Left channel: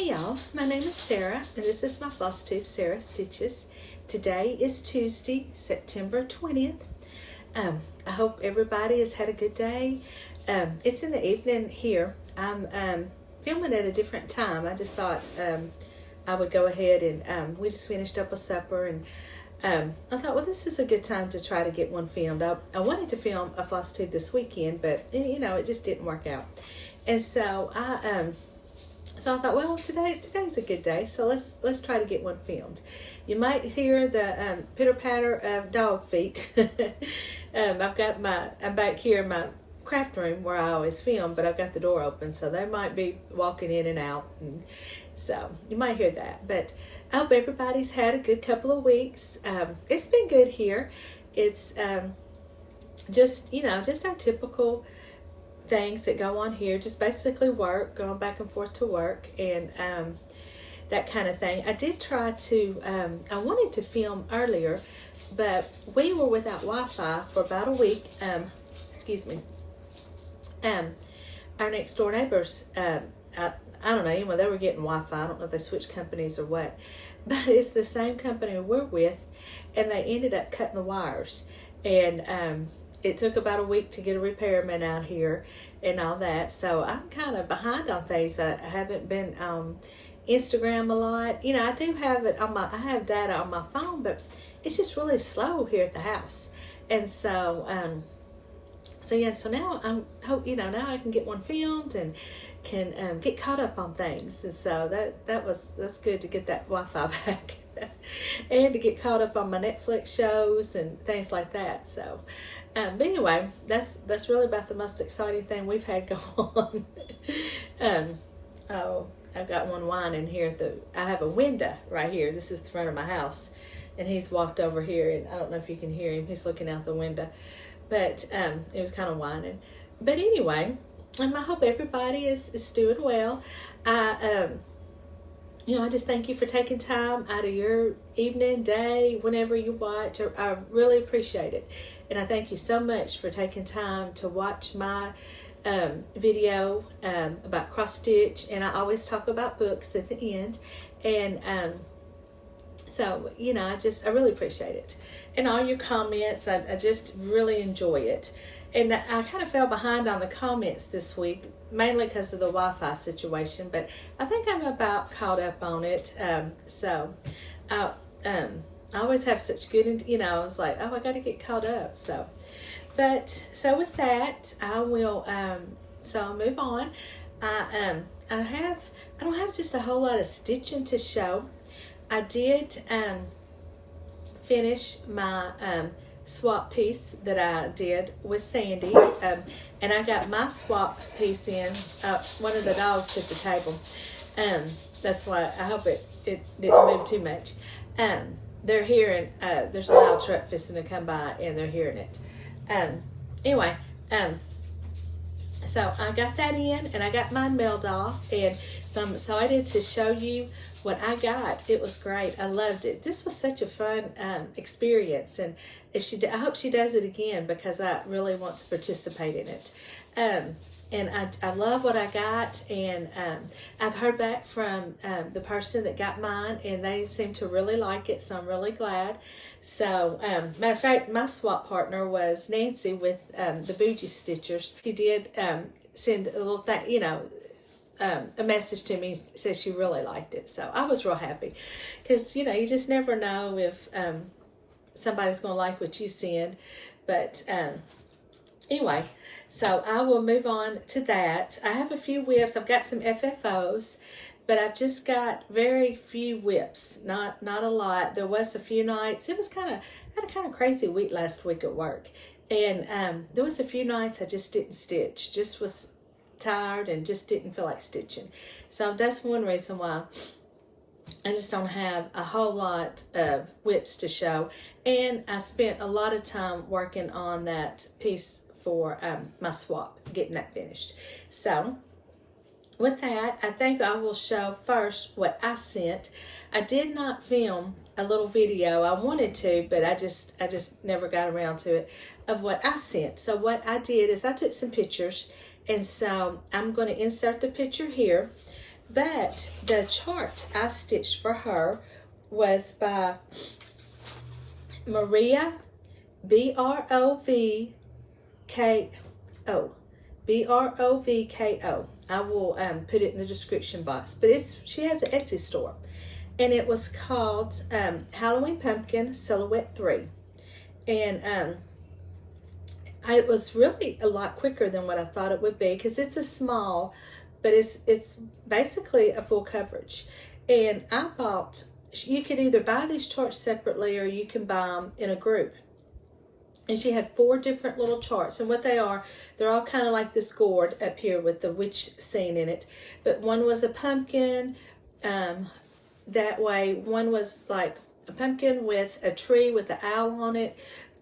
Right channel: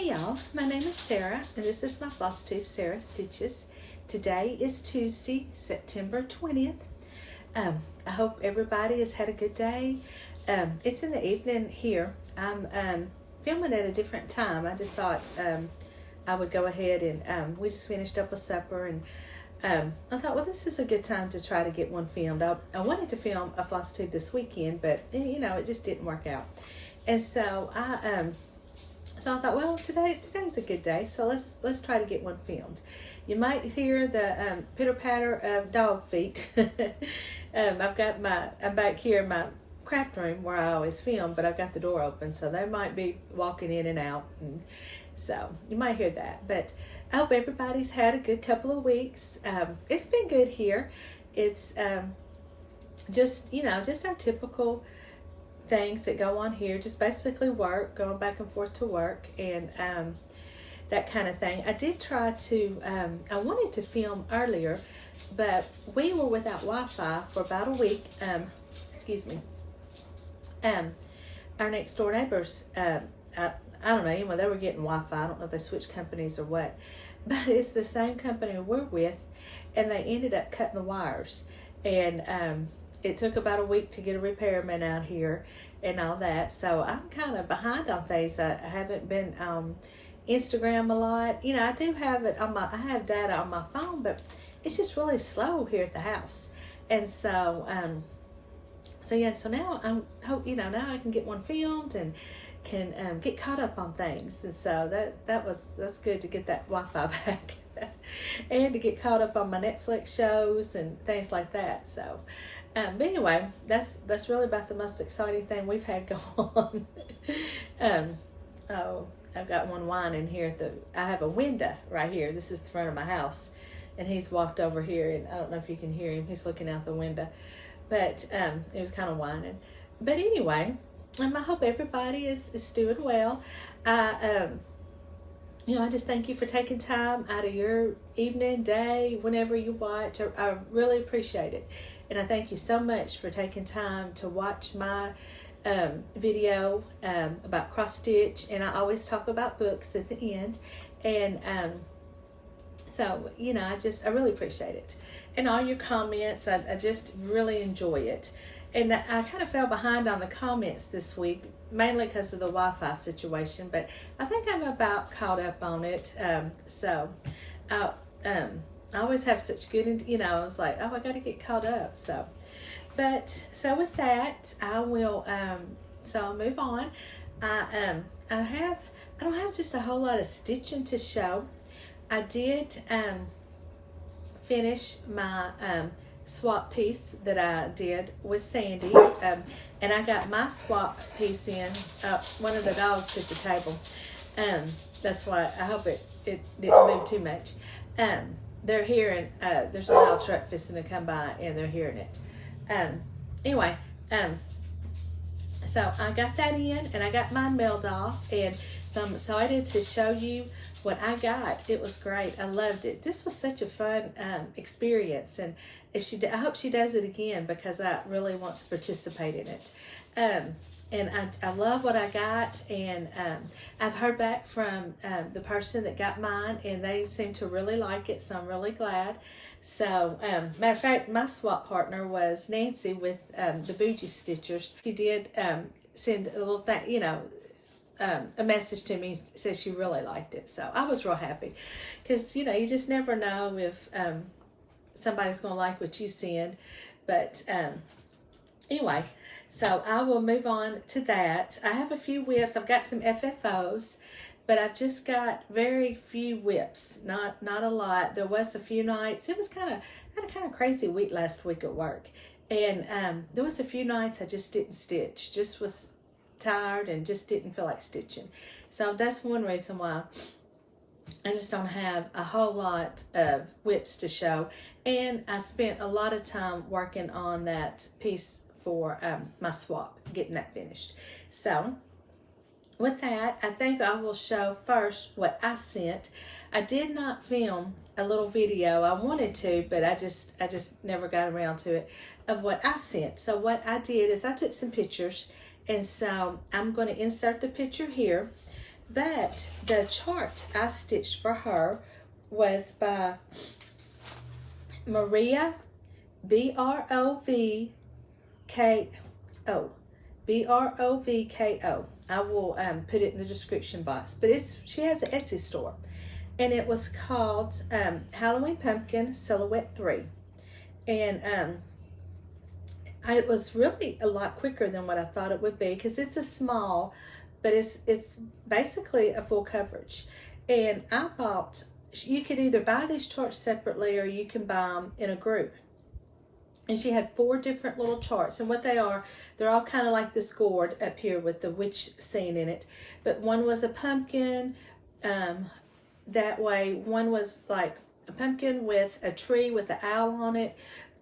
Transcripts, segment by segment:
Hey y'all, my name is Sarah and this is my Flosstube Sarah Stitches. Today is Tuesday, September 20th. I hope everybody has had a good day. It's in the evening here. I'm filming at a different time. I just thought I would go ahead and we just finished up with supper, and I thought, well, this is a good time to try to get one filmed. I wanted to film a Flosstube this weekend, but you know, it just didn't work out. And so I thought, well, today's a good day, so let's try to get one filmed. You might hear the pitter patter of dog feet. I'm back here in my craft room where I always film, but I've got the door open, so they might be walking in and out, and so you might hear that. But I hope everybody's had a good couple of weeks. It's been good here. It's just our typical things that go on here, just basically work, going back and forth to work, and that kind of thing. I did try to I wanted to film earlier, but we were without Wi-Fi for about a week. Excuse me. Our next door neighbors, I don't know, anyway, they were getting Wi-Fi. I don't know if they switched companies or what, but it's the same company we're with, and they ended up cutting the wires, and it took about a week to get a repairman out here and all that. So I'm kind of behind on things. I haven't been on Instagram a lot. You know, I do have it on I have data on my phone, but it's just really slow here at the house. And so, so now now I can get one filmed and can get caught up on things. And so that's good to get that Wi-Fi back and to get caught up on my Netflix shows and things like that. So, but anyway, that's really about the most exciting thing we've had go on. Oh, I've got one whining here I have a window right here. This is the front of my house, and he's walked over here, and I don't know if you can hear him. He's looking out the window, but it was kind of whining. But anyway, I hope everybody is doing well. I just thank you for taking time out of your evening, day, whenever you watch. I really appreciate it. And I thank you so much for taking time to watch my video about cross stitch. And I always talk about books at the end. And so, I really appreciate it. And all your comments, I just really enjoy it. And I kind of fell behind on the comments this week, mainly because of the Wi-Fi situation, but I think I'm about caught up on it. I always have such good, I was like, oh, I got to get caught up. So with that, I will, I'll move on. I don't have just a whole lot of stitching to show. I did finish my swap piece that I did with Sandy, and I got my swap piece in. One of the dogs hit the table. That's why I hope it didn't move too much. They're hearing, there's a loud truck fixing to come by, and they're hearing it. Anyway, so I got that in, and I got mine mailed off, and so I'm excited to show you what I got. It was great. I loved it. This was such a fun experience, and I hope she does it again, because I really want to participate in it. And I love what I got, and I've heard back from the person that got mine, and they seem to really like it, so I'm really glad. So, matter of fact, my swap partner was Nancy with the Bougie Stitchers. She did send a little thing, a message to me, says she really liked it. So I was real happy, because, you just never know if somebody's going to like what you send. But anyway, so I will move on to that. I have a few whips. I've got some FFOs, but I've just got very few whips. Not a lot. There was a few nights. It was had a kind of crazy week last week at work, and there was a few nights I just didn't stitch. Just was tired and just didn't feel like stitching. So that's one reason why I just don't have a whole lot of whips to show. And I spent a lot of time working on that piece for my swap, getting that finished. So with that, I think I will show first what I sent. I did not film a little video. I wanted to, but I just never got around to it, of what I sent. So what I did is I took some pictures, and so I'm going to insert the picture here. But the chart I stitched for her was by Maria, Brovko. Brovko. I will put it in the description box. But she has an Etsy store. And it was called Halloween Pumpkin Silhouette 3. And it was really a lot quicker than what I thought it would be, because it's a small, but it's basically a full coverage. And I bought, you could either buy these charts separately or you can buy them in a group. And she had 4 different little charts, and what they are, they're all kind of like this gourd up here with the witch scene in it. But one was a pumpkin, that way. One was like a pumpkin with a tree with an owl on it,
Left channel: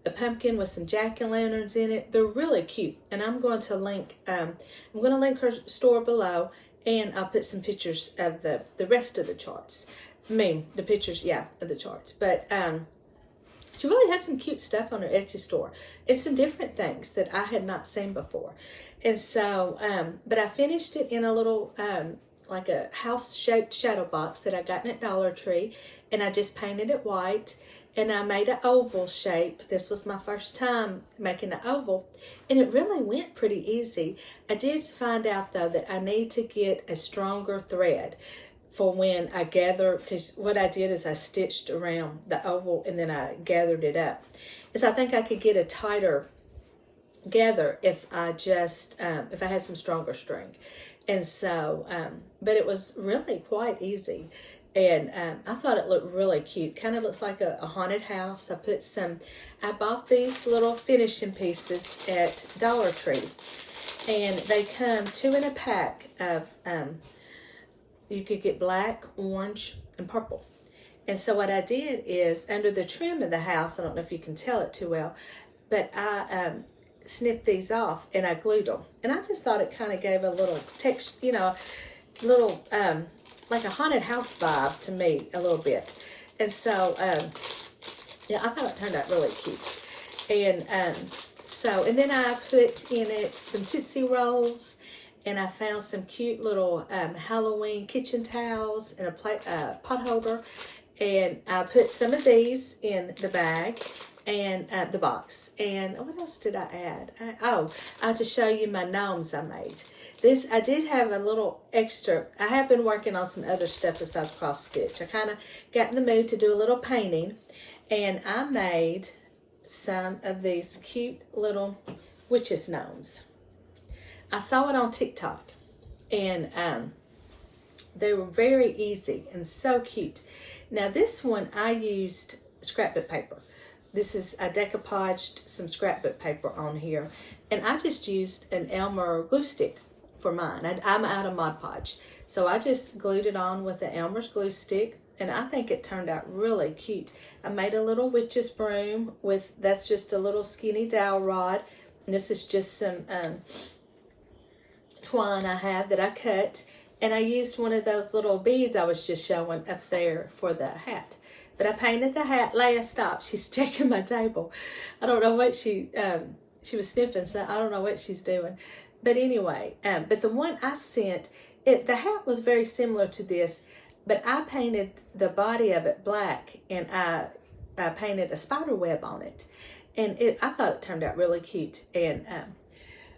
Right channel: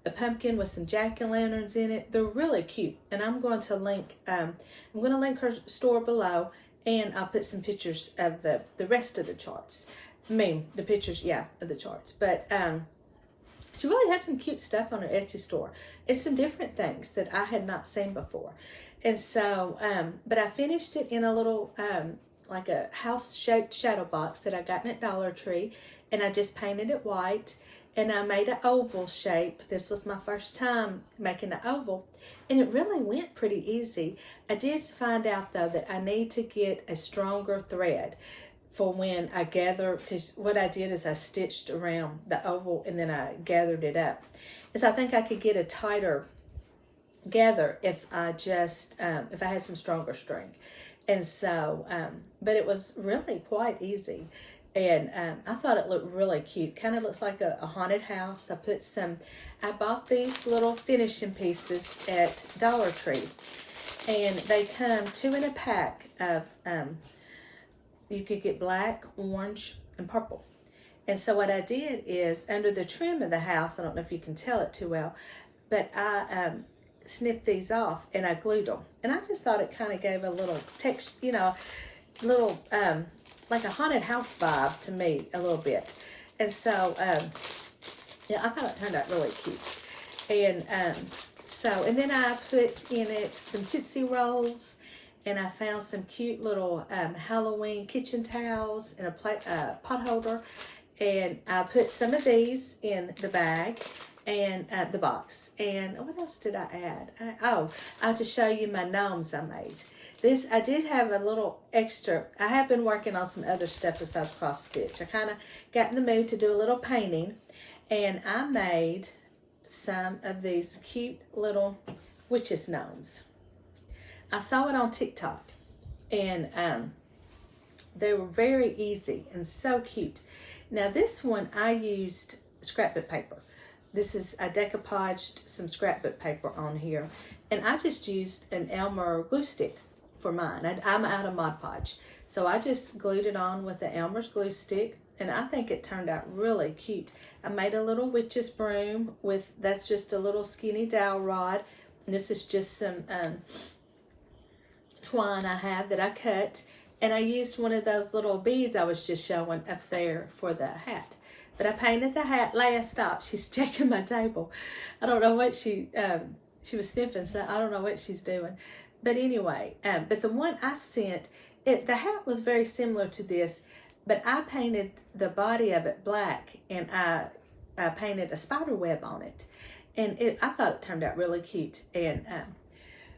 a pumpkin with some jack-o'-lanterns in it. They're really cute, and I'm going to link her store below, and I'll put some pictures of the rest of the charts. The pictures, yeah, of the charts. But she really has some cute stuff on her Etsy store. It's some different things that I had not seen before. And so, but I finished it in a little, like a house-shaped shadow box that I got at Dollar Tree. And I just painted it white. And I made an oval shape. This was my first time making an oval. And it really went pretty easy. I did find out, though, that I need to get a stronger thread for when I gather, because what I did is I stitched around the oval and then I gathered it up. And so I think I could get a tighter gather if I just, if I had some stronger string. And so, but it was really quite easy. And I thought it looked really cute. Kind of looks like a haunted house. I bought these little finishing pieces at Dollar Tree. And they come 2 in a pack of, you could get black, orange, and purple. And so what I did is, under the trim of the house, I don't know if you can tell it too well, but I snipped these off and I glued them. And I just thought it kind of gave a little text, little, like a haunted house vibe to me a little bit. And so, yeah, I thought it turned out really cute. And and then I put in it some Tootsie Rolls, and I found some cute little Halloween kitchen towels and a pot holder. And I put some of these in the bag and the box. And what else did I add? I have to show you my gnomes I made. I did have a little extra. I have been working on some other stuff besides cross stitch. I kind of got in the mood to do a little painting. And I made some of these cute little witches gnomes. I saw it on TikTok, and they were very easy and so cute. Now this one I used scrapbook paper. I decoupaged some scrapbook paper on here, and I just used an Elmer glue stick for mine. I'm out of Mod Podge, so I just glued it on with the Elmer's glue stick, and I think it turned out really cute. I made a little witch's broom that's just a little skinny dowel rod, and this is just some twine I have that I cut, and I used one of those little beads I was just showing up there for the hat. But I painted the hat. Leia, stop. She's checking my table. I don't know what she was sniffing, so I don't know what she's doing. But anyway, but the one I sent, the hat was very similar to this, but I painted the body of it black, and I painted a spider web on it. And I thought it turned out really cute. And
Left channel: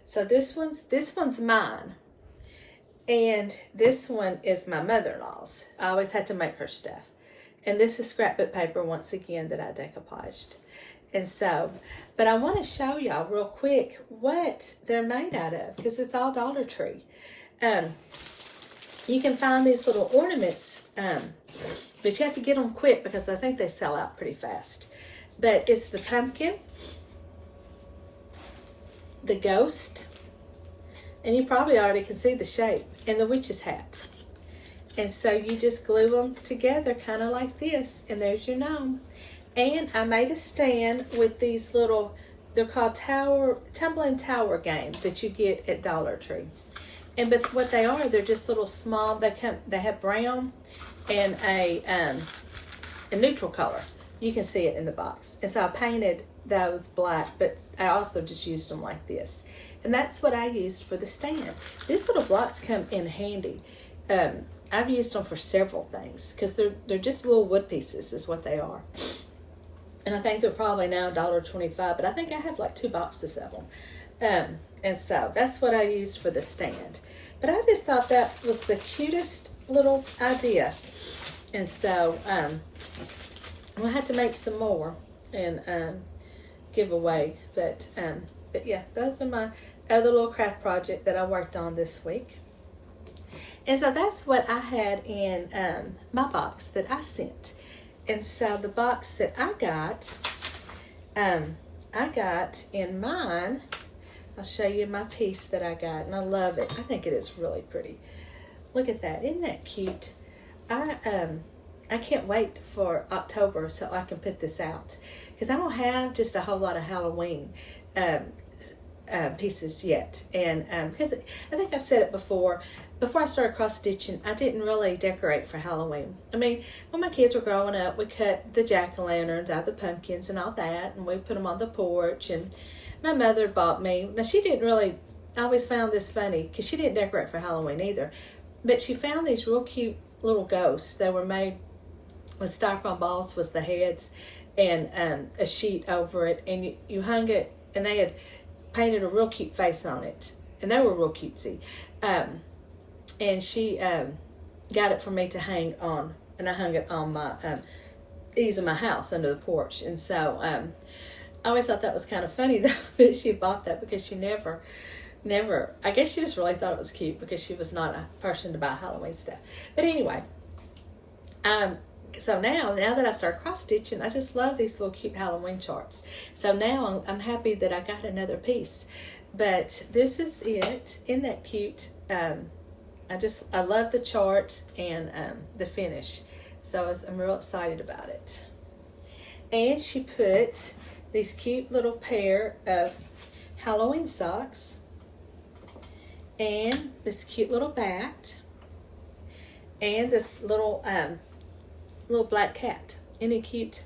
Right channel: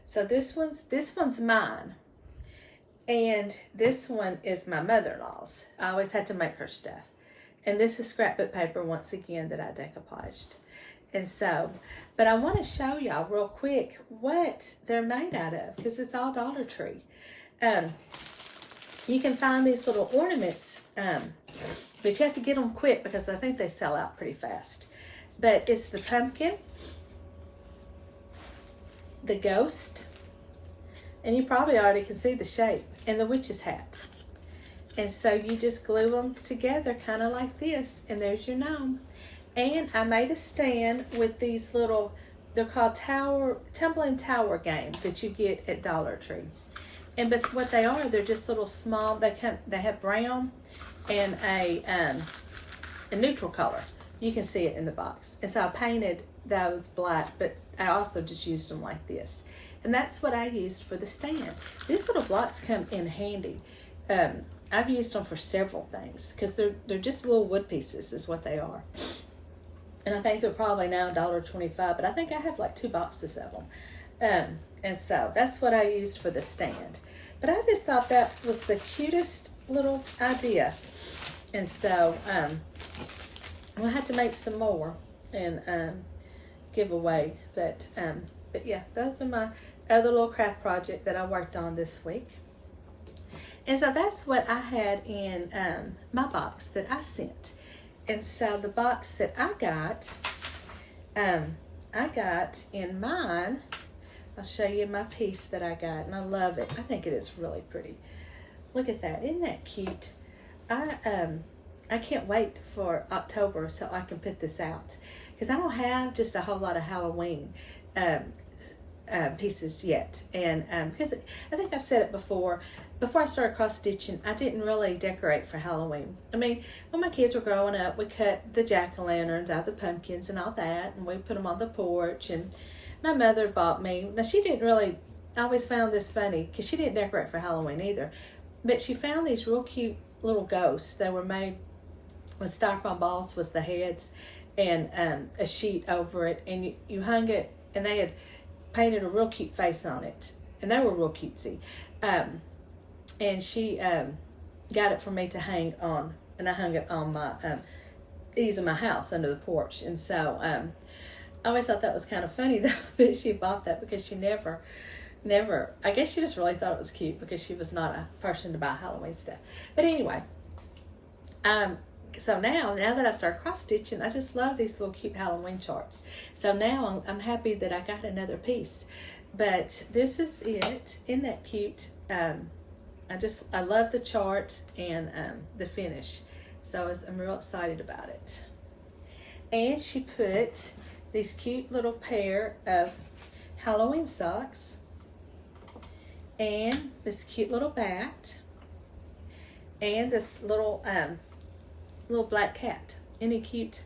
so this one's mine. And this one is my mother-in-law's. I always had to make her stuff. And this is scrapbook paper, once again, that I decoupaged. And so, but I want to show y'all real quick what they're made out of, because it's all Dollar Tree. You can find these little ornaments, but you have to get them quick because I think they sell out pretty fast. But it's the pumpkin, the ghost, and you probably already can see the shape, and the witch's hat. And so you just glue them together kind of like this, and there's your gnome. And I made a stand with these little, they're called tumbling tower game that you get at Dollar Tree. But what they are, they're just little small, they have brown and a neutral color. You can see it in the box. And so I painted those black, but I also just used them like this. And that's what I used for the stand. These little blocks come in handy. I've used them for several things because they're just little wood pieces is what they are. And I think they're probably now $1.25, but I think I have like 2 boxes of them. And so that's what I used for the stand. But I just thought that was the cutest little idea. And so I'm gonna have to make some more and give away. But yeah, those are my other little craft project that I worked on this week. And so that's what I had in my box that I sent. And so the box that I got in mine, I'll show you my piece that I got, and I love it. I think it is really pretty. Look at that, isn't that cute? I can't wait for October so I can put this out, because I don't have just a whole lot of Halloween pieces yet. And because I think I've said it before I started cross stitching, I didn't really decorate for Halloween. I mean, when my kids were growing up, we cut the jack-o'-lanterns out, the pumpkins and all that, and we put them on the porch. And my mother bought me, now she didn't really, I always found this funny because she didn't decorate for Halloween either, but she found these real cute little ghosts. They were made with styrofoam balls was the heads, and a sheet over it, and you hung it, and they had painted a real cute face on it, and they were real cutesy. And she got it for me to hang on, and I hung it on my eaves of my house under the porch. And so I always thought that was kind of funny though that she bought that, because she never, I guess she just really thought it was cute because she was not a person to buy Halloween stuff. But anyway, so now that I've started cross stitching, I just love these little cute Halloween charts. So now I'm happy that I got another piece. But this is it. Isn't that cute? I love the chart and the finish. So I'm real excited about it. And she put these cute little pair of Halloween socks and this cute little bat and this little black cat. Isn't it cute?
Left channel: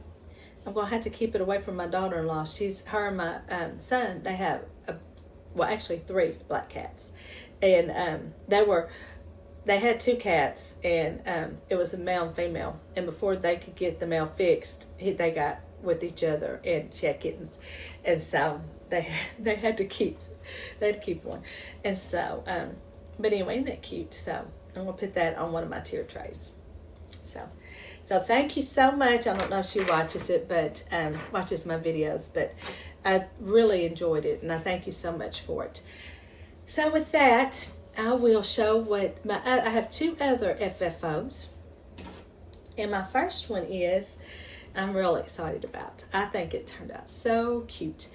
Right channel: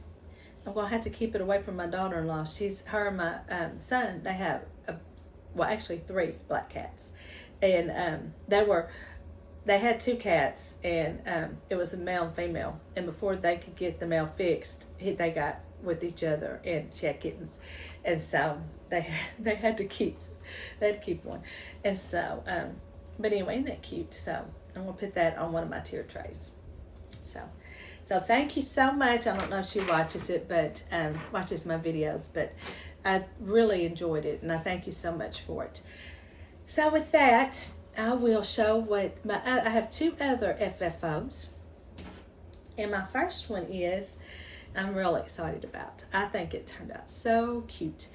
I'm gonna have to keep it away from my daughter-in-law. Her and my son, they have actually 3 black cats, and they had 2 cats, and it was a male and female, and before they could get the male fixed, they got with each other, and she had kittens, and so they had to keep one. And so but anyway, isn't that cute? So I'm gonna put that on one of my tier trays. So thank you so much. I don't know if she watches it, but watches my videos, but I really enjoyed it, and I thank you so much for it. So with that, I will show what I have 2 other FFOs, and my first one is I'm really excited about. I think it turned out so cute.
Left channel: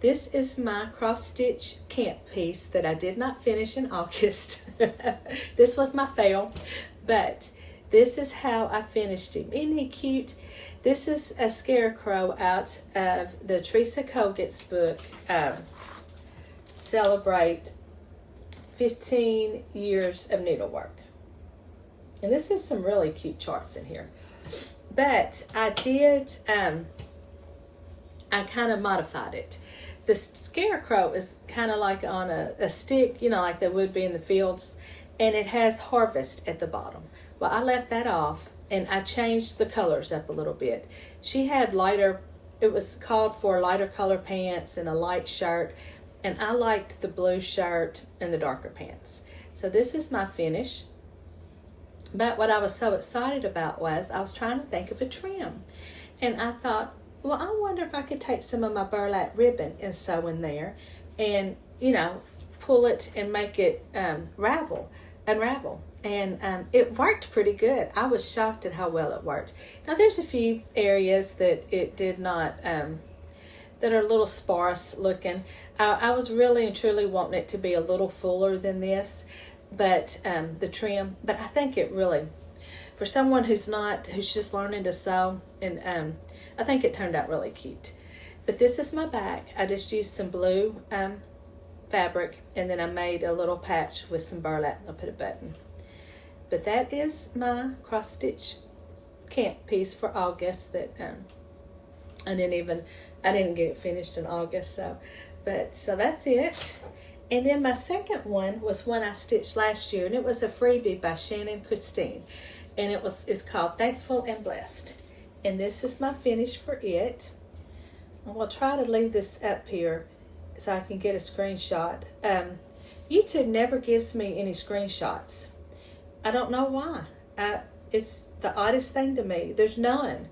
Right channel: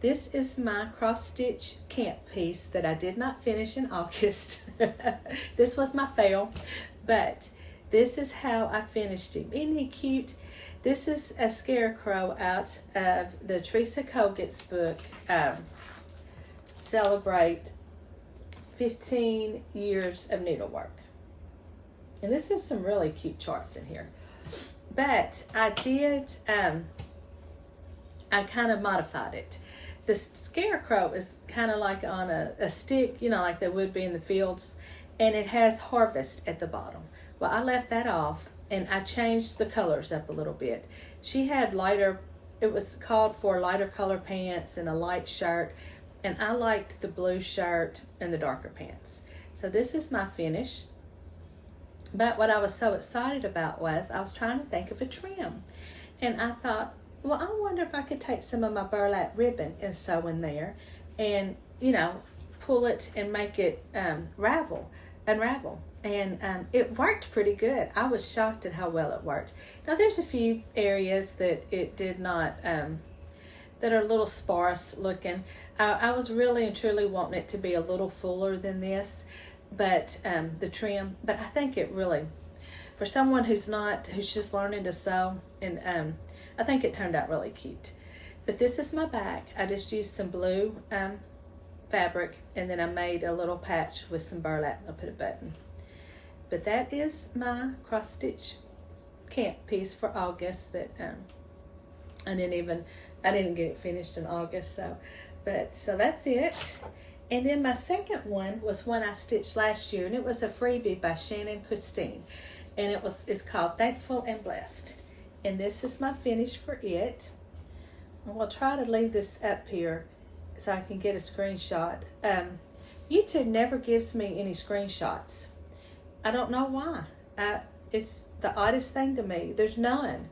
This is my cross stitch camp piece that I did not finish in August. This was my fail, but this is how I finished him. Isn't he cute? This is a scarecrow out of the Teresa Koget's book, Celebrate 15 Years of Needlework. And this is some really cute charts in here. But I did, I kind of modified it. The scarecrow is kind of like on a stick, you know, like they would be in the fields, and it has harvest at the bottom. Well, I left that off, and I changed the colors up a little bit. She had lighter, it was called for lighter color pants and a light shirt, and I liked the blue shirt and the darker pants. So this is my finish. But what I was so excited about was I was trying to think of a trim, and I thought, well, I wonder if I could take some of my burlap ribbon and sew in there and, you know, pull it and make it unravel. And it worked pretty good. I was shocked at how well it worked. Now there's a few areas that it did not, that are a little sparse looking. I was really and truly wanting it to be a little fuller than this, but the trim, but I think it really, for someone who's just learning to sew, and I think it turned out really cute. But this is my back. I just used some blue fabric, and then I made a little patch with some burlap. I'll put a button. But that is my cross stitch camp piece for August that I didn't get it finished in August. So that's it. And then my second one was one I stitched last year, and it was a freebie by Shannon Christine. And it's called Thankful and Blessed. And this is my finish for it. I'm going to try to leave this up here so I can get a screenshot. YouTube never gives me any screenshots. I don't know why. It's the oddest thing to me. There's none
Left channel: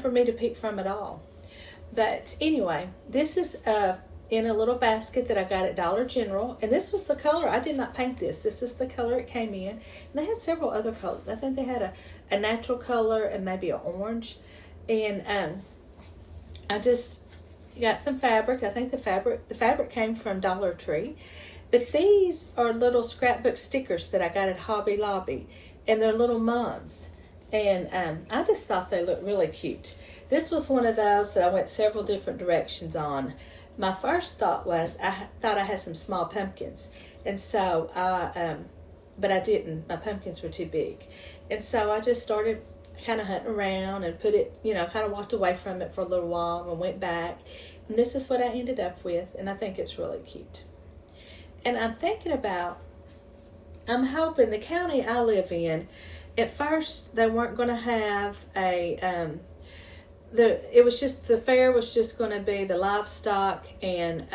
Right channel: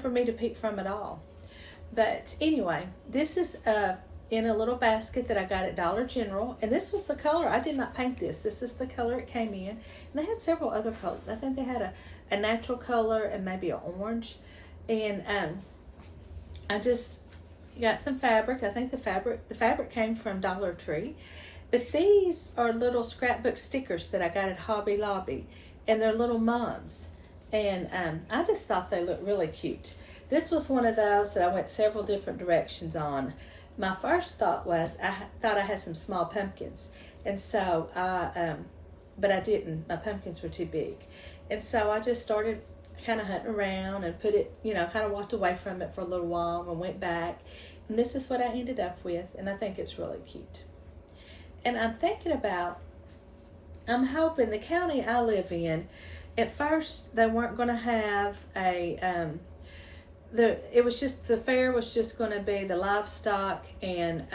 for me to pick from at all. But anyway, this is in a little basket that I got at Dollar General, and this was the color. I did not paint this. This is the color it came in. And they had several other colors. I think they had a natural color and maybe an orange. And I just got some fabric. I think the fabric came from Dollar Tree. But these are little scrapbook stickers that I got at Hobby Lobby, and they're little mums. And I just thought they looked really cute. This was one of those that I went several different directions on. My first thought was I thought I had some small pumpkins, and so but I didn't. My pumpkins were too big, and so I just started kind of hunting around and put it, kind of walked away from it for a little while and went back, and this is what I ended up with, and I think it's really cute. And I'm thinking about, I'm hoping the county I live in, at first they weren't going to have a the fair was just going to be the livestock and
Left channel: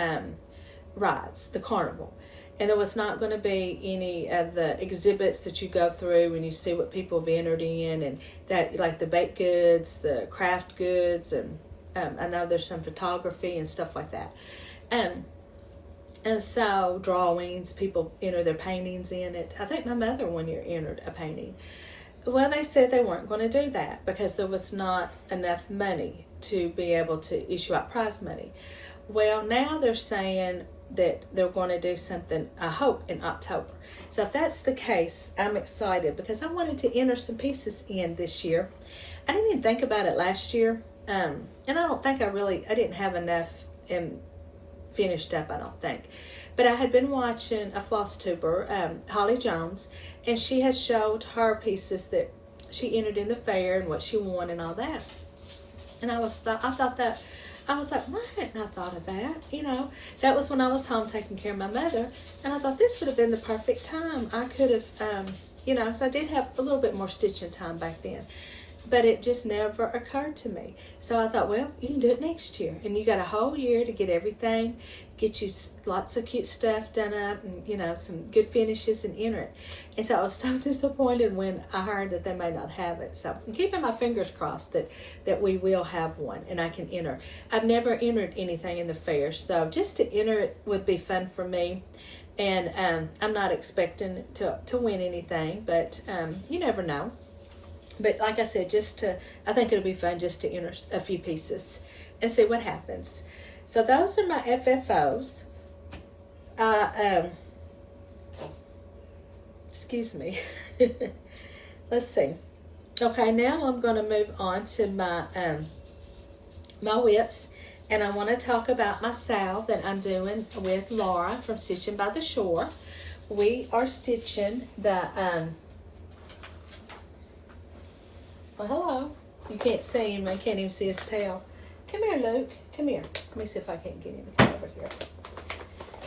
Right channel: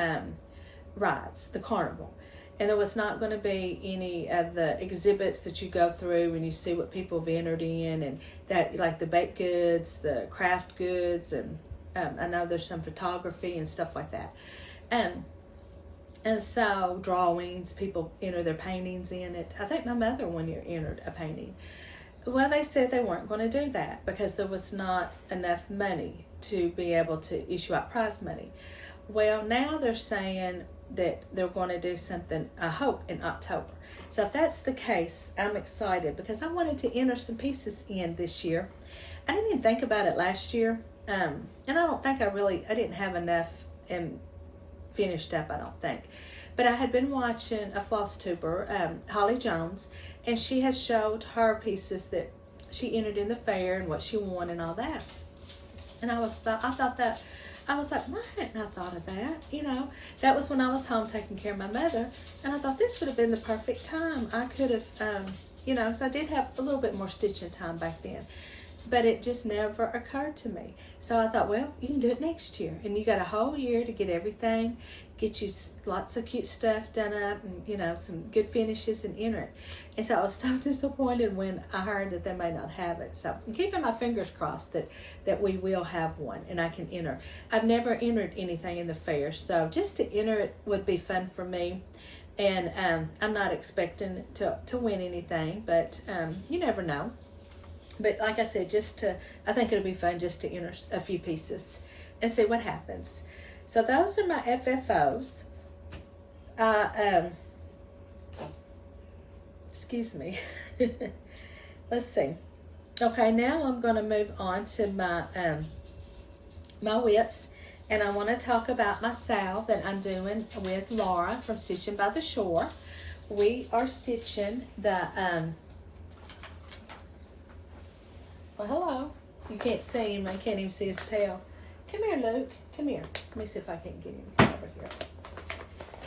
rides, the carnival. And there was not going to be any of the exhibits that you go through and you see what people have entered in, and that, like the baked goods, the craft goods, and I know there's some photography and stuff like that. And so drawings, people enter their paintings in it. I think my mother one year entered a painting. Well, they said they weren't going to do that because there was not enough money to be able to issue out prize money. Well, now they're saying that they're going to do something, I hope, in October. So if that's the case, I'm excited because I wanted to enter some pieces in this year. I didn't even think about it last year. And I don't think I didn't have enough finished up, I don't think. But I had been watching a Flosstuber, Holly Jones, and she has showed her pieces that she entered in the fair and what she won and all that. And I was like, why hadn't I thought of that? That was when I was home taking care of my mother, and I thought this would have been the perfect time. I could have, because I did have a little bit more stitching time back then, but it just never occurred to me. So I thought, well, you can do it next year, and you got a whole year to get everything, get you lots of cute stuff done up, and some good finishes, and enter it. And so I was so disappointed when I heard that they may not have it. So I'm keeping my fingers crossed that we will have one and I can enter. I've never entered anything in the fair, so just to enter it would be fun for me. And I'm not expecting to win anything, but you never know. But like I said, I think it'll be fun just to enter a few pieces and see what happens. So those are my FFOs. Excuse me. Let's see. Okay, now I'm going to move on to my my whips, and I want to talk about my salve that I'm doing with Laura from Stitching by the Shore. We are stitching the well, hello. You can't see him. I can't even see his tail. Come here, Luke. Come here. Let me see if I can't get him to come over here.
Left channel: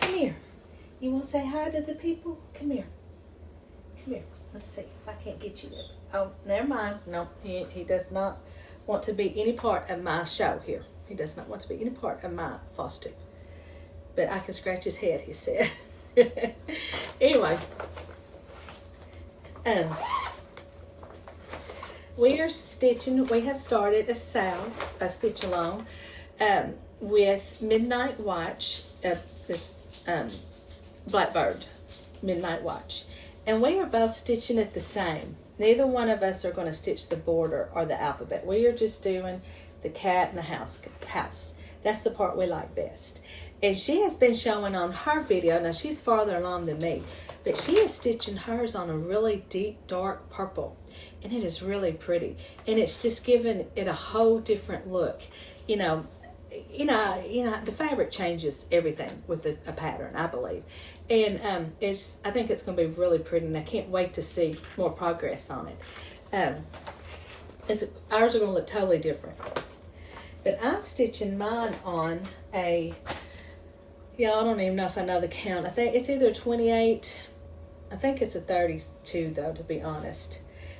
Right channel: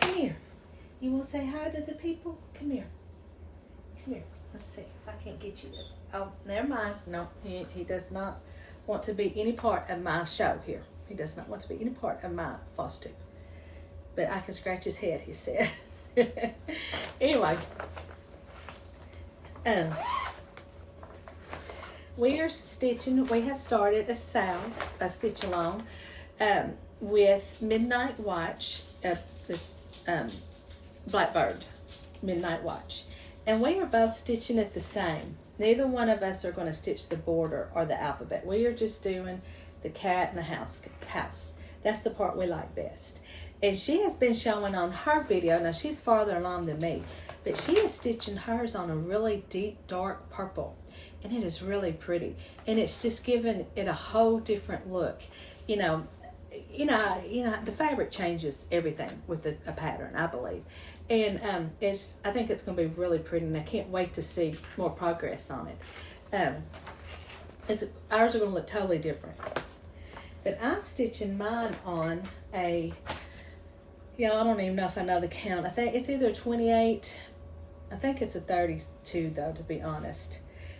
Come here. You want to say hi to the people? Come here. Come here. Let's see if I can't get you there. Oh, never mind. No, he does not want to be any part of my show here. He does not want to be any part of my Flosstube. But I can scratch his head, he said. Anyway. We are stitching. We have started a stitch along with Midnight Watch, this Blackbird Midnight Watch. And we are both stitching it the same. Neither one of us are going to stitch the border or the alphabet. We are just doing the cat and the house. That's the part we like best. And she has been showing on her video. Now, she's farther along than me, but she is stitching hers on a really deep, dark purple. And it is really pretty. And it's just giving it a whole different look. The fabric changes everything with a pattern, I believe. And I think it's going to be really pretty, and I can't wait to see more progress on it. Ours are going to look totally different. But I'm stitching mine on a Yeah, I don't even know if I know the count. I think it's either 28, I think it's a 32 though, to be honest.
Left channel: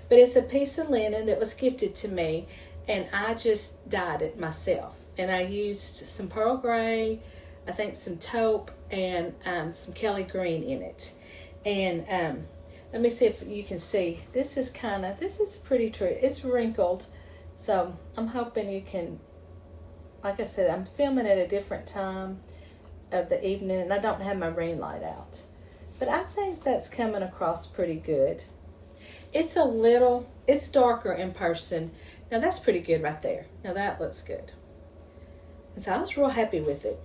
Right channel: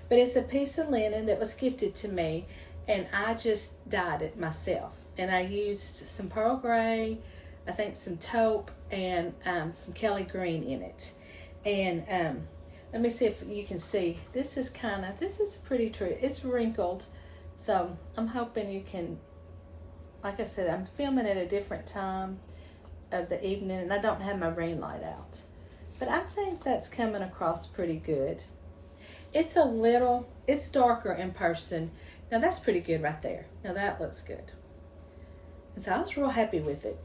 But it's a piece of linen that was gifted to me, and I just dyed it myself. And I used some pearl gray, I think some taupe, and some Kelly green in it. And let me see if you can see. This is pretty true. It's wrinkled, so I'm hoping you can, like I said, I'm filming at a different time of the evening, and I don't have my ring light out. But I think that's coming across pretty good. It's darker in person. Now that's pretty good right there. Now that looks good. And so I was real happy with it.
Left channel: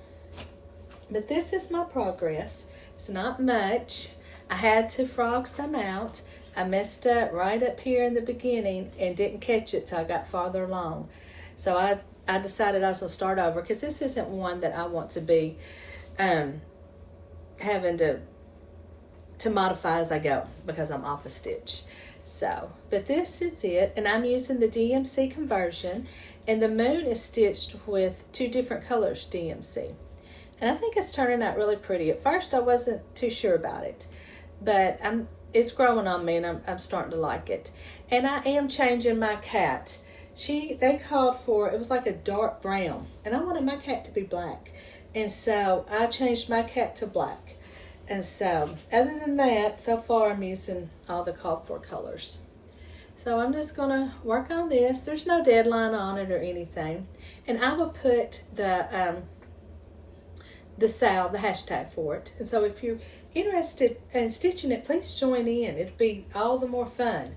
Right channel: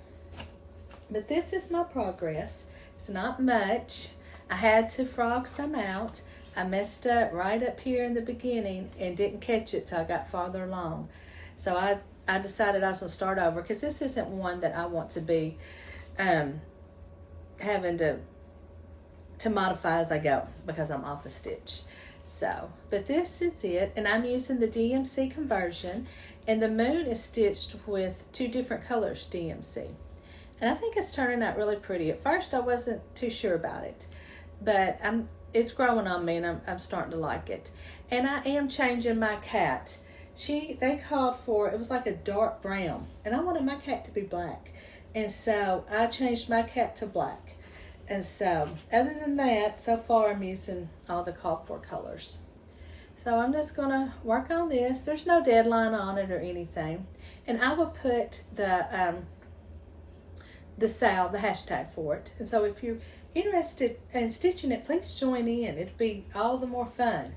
But this is my progress. It's not much. I had to frog some out. I messed up right up here in the beginning and didn't catch it till I got farther along. So I decided I was going to start over, because this isn't one that I want to be having to modify as I go, because I'm off a stitch. So, but this is it, and I'm using the DMC conversion, and the moon is stitched with 2 different colors DMC, and I think it's turning out really pretty. At first I wasn't too sure about it, but it's growing on me, and I'm starting to like it. And I am changing my cat. They called for, it was like a dark brown, and I wanted my cat to be black, and so I changed my cat to black. And so, other than that, so far I'm using all the called for colors. So I'm just gonna work on this. There's no deadline on it or anything. And I will put the hashtag for it. And so if you're interested in stitching it, please join in. It'd be all the more fun.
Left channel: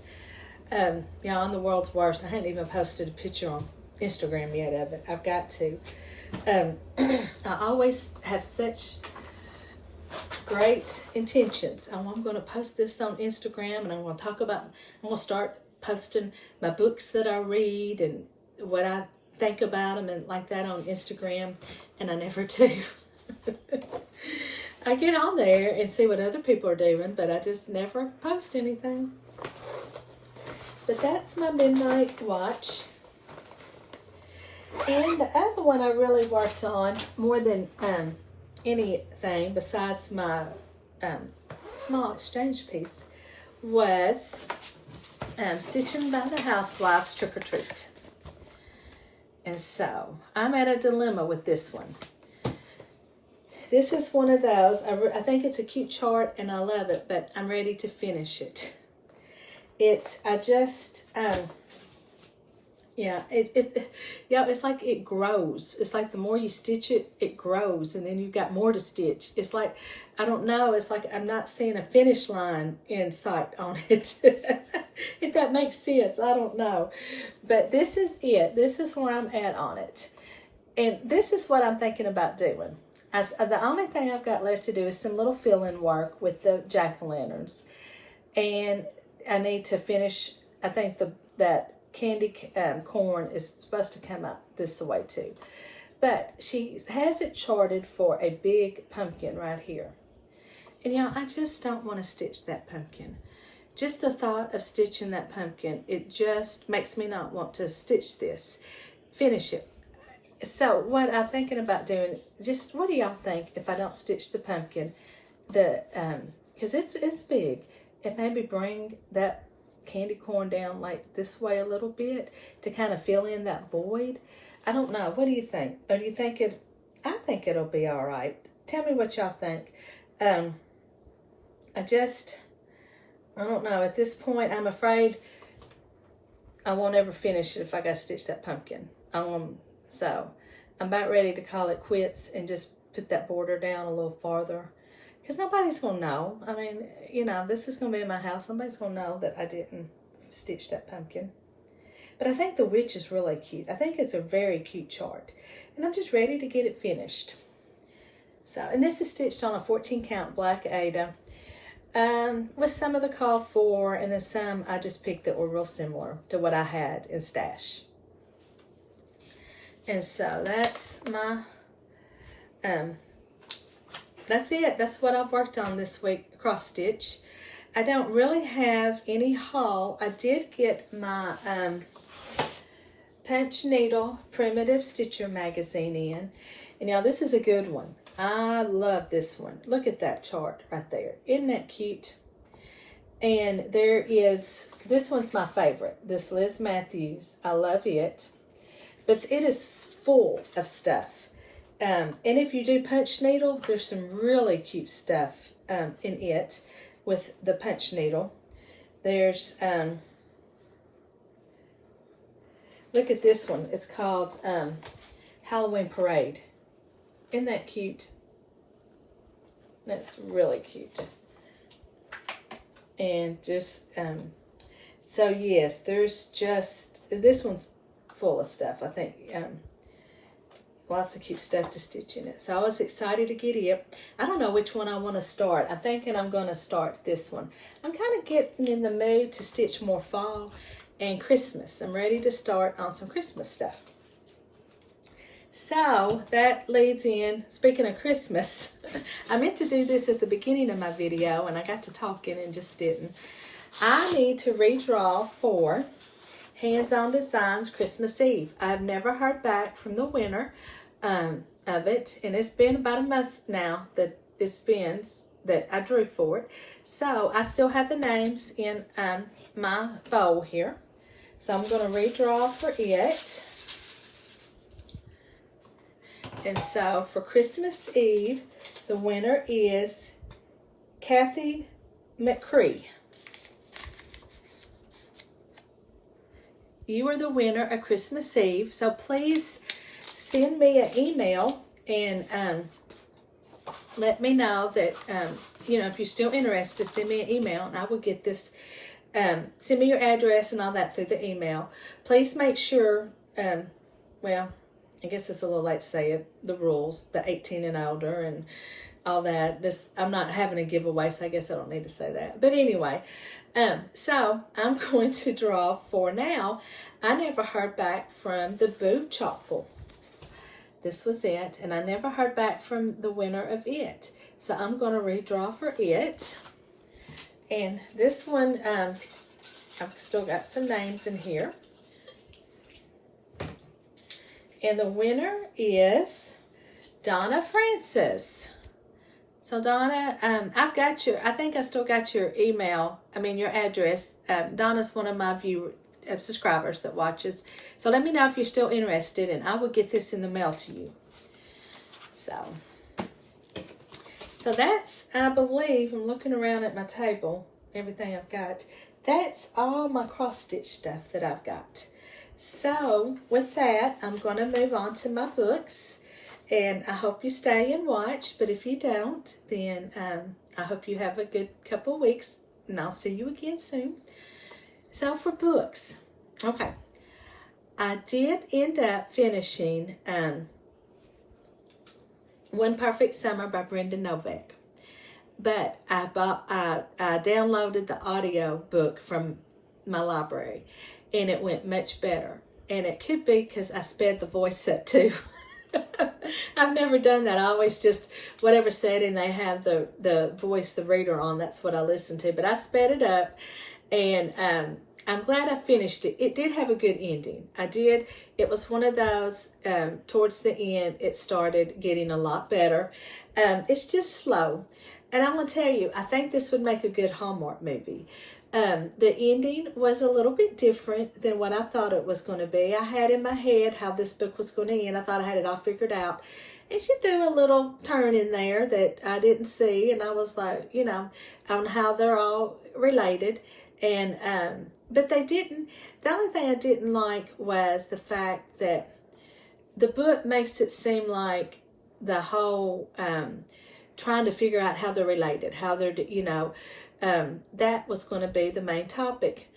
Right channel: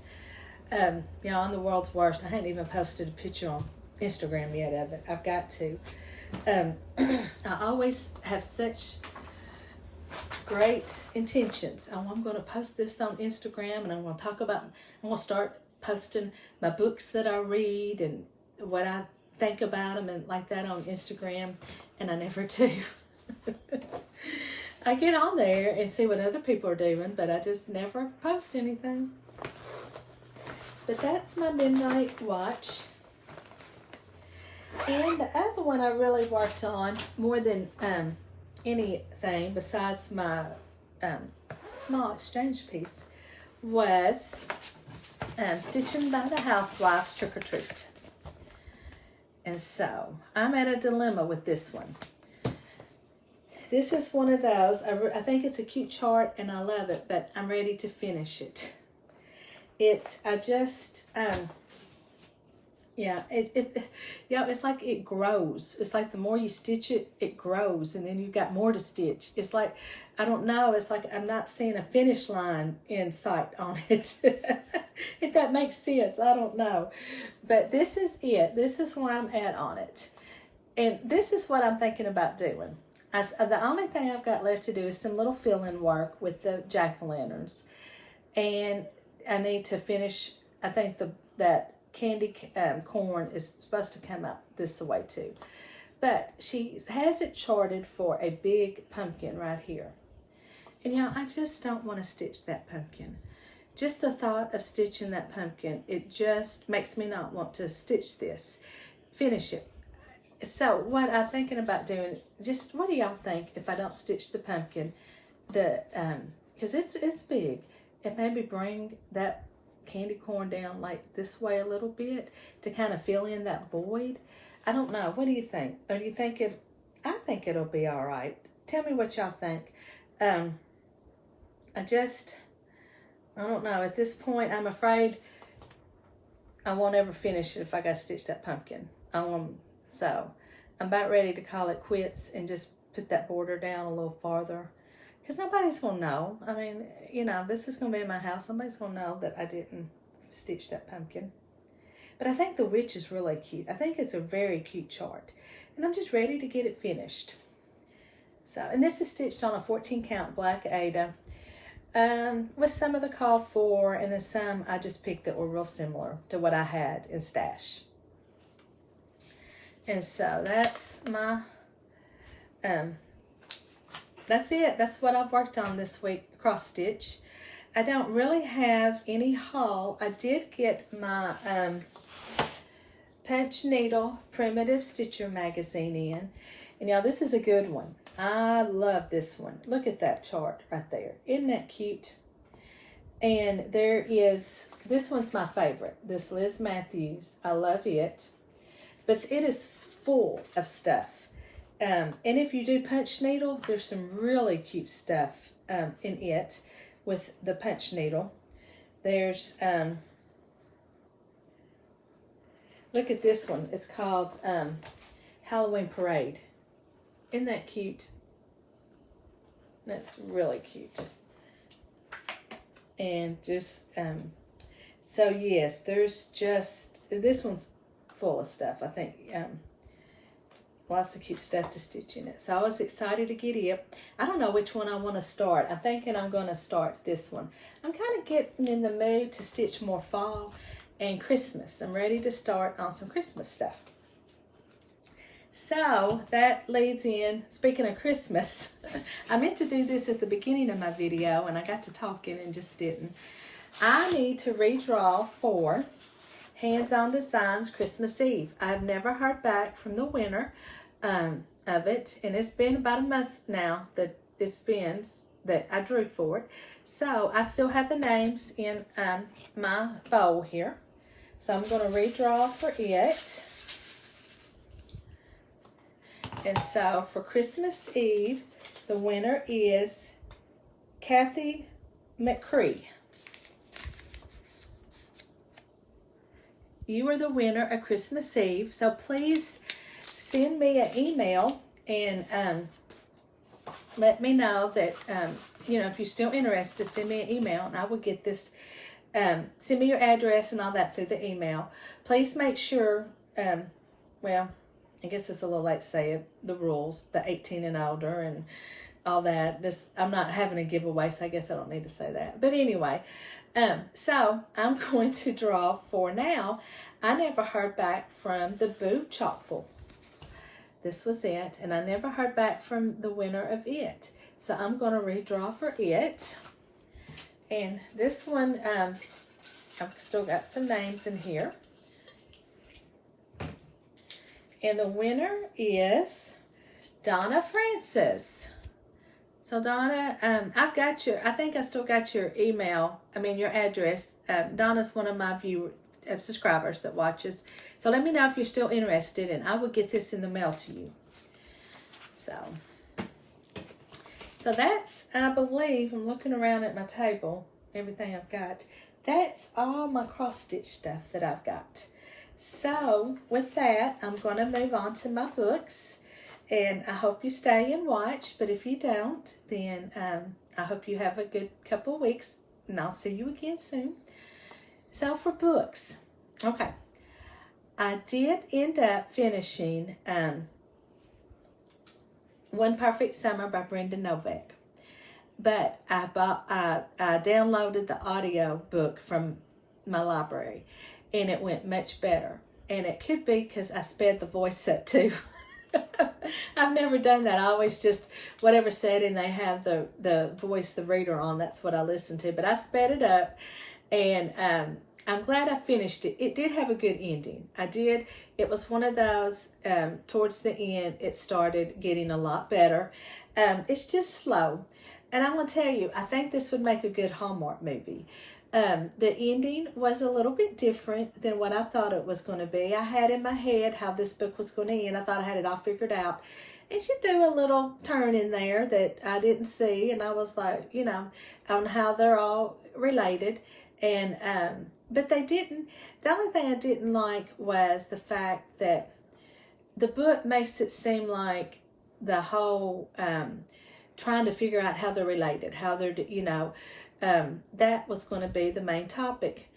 Yeah, I'm the world's worst. I hadn't even posted a picture on Instagram yet of it. I've got to. I always have such great intentions. I'm going to post this on Instagram, and I'm going to start posting my books that I read and what I think about them and like that on Instagram, and I never do. I get on there and see what other people are doing, but I just never post anything. But that's my midnight watch. And the other one I really worked on more than anything besides my small exchange piece was stitching by the Housewives Trick or Treat. And so I'm at a dilemma with this one. This is one of those, I think it's a cute chart and I love it, but I'm ready to finish it. It's like it grows. It's like the more you stitch it, it grows, and then you've got more to stitch. It's like, I don't know, it's like I'm not seeing a finish line in sight on it. If that makes sense, I don't know. But this is it. This is where I'm at on it. And this is what I'm thinking about doing. The only thing I've got left to do is some little fill-in work with the jack-o'-lanterns. And I need to finish, I think that candy corn is supposed to come out this way too. But she has it charted for a big pumpkin right here. And y'all, I just don't want to stitch that pumpkin. Just the thought of stitching that pumpkin, it just makes me not want to stitch this, finish it. So what I'm thinking about doing, just what do y'all think if I don't stitch the pumpkin? Because it's big. And maybe bring that candy corn down like this way a little bit to kind of fill in that void. I don't know. What do you think? Or do you think I think it'll be all right. Tell me what y'all think. I don't know. At this point, I'm afraid I won't ever finish it if I got to stitch that pumpkin. So I'm about ready to call it quits and just put that border down a little farther. Because nobody's going to know. I mean, this is going to be in my house. Somebody's going to know that I didn't stitch that pumpkin. But I think the witch is really cute. I think it's a very cute chart. And I'm just ready to get it finished. So, and this is stitched on a 14 count black Ada. With some of the called for, and then some I just picked that were real similar to what I had in stash. And so that's my... that's it. That's what I've worked on this week, cross stitch. I don't really have any haul. I did get my Punch Needle Primitive Stitcher magazine in. And y'all, this is a good one. I love this one. Look at that chart right there. Isn't that cute? And there is, this one's my favorite. This Liz Matthews. I love it. But it is full of stuff. And if you do punch needle, there's some really cute stuff in it with the punch needle. There's, look at this one. It's called Halloween Parade. Isn't that cute? That's really cute. And just, so yes, there's just, this one's full of stuff. I think lots of cute stuff to stitch in it. So I was excited to get it. I don't know which one I want to start. I'm thinking I'm going to start this one. I'm kind of getting in the mood to stitch more fall and Christmas. I'm ready to start on some Christmas stuff. So that leads in, speaking of Christmas, I meant to do this at the beginning of my video and I got to talking and just didn't. I need to redraw for Hands-On Designs Christmas Eve. I've never heard back from the winner of it, and it's been about a month now that it's been that I drew for it. So I still have the names in my bowl here. So I'm going to redraw for it. And so for Christmas Eve, the winner is Kathy McCree. You are the winner of Christmas Eve. So please send me an email and let me know that, you know, if you're still interested, send me an email and I will get this, send me your address and all that through the email. Please make sure, well, I guess it's a little late to say it, the rules, the 18 and older and all that. This, I'm not having a giveaway, so I guess I don't need to say that. But anyway, so I'm going to draw for now. I never heard back from the Boo Chockful. This was it, and I never heard back from the winner of it. So I'm going to redraw for it. And this one, I've still got some names in here. And the winner is Donna Francis. So Donna, I've got your, I think I still got your email, your address. Donna's one of my subscribers that watches. So let me know if you're still interested and I will get this in the mail to you. So that's, I believe, I'm looking around at my table, everything I've got. That's all my cross stitch stuff that I've got. So with that, I'm going to move on to my books. And I hope you stay and watch. But if you don't, then I hope you have a good couple of weeks. And I'll see you again soon. So for books. Okay. I did end up finishing One Perfect Summer by Brenda Novack. But I downloaded the audio book from my library. And it went much better. And it could be because I sped the voice up too. I've never done that. I always just, whatever setting they have the voice, the reader on, that's what I listen to. But I sped it up. And I'm glad I finished it. It did have a good ending. I did. It was one of those, towards the end, it started getting a lot better. It's just slow. And I'm going to tell you, I think this would make a good Hallmark movie. The ending was a little bit different than what I thought it was going to be. I had in my head how this book was going to end. I thought I had it all figured out. And she threw a little turn in there that I didn't see. And I was like, you know, on how they're all related. And, but they didn't. The only thing I didn't like was the fact that the book makes it seem like the whole, trying to figure out how they're related, how they're, you know, that was going to be the main topic.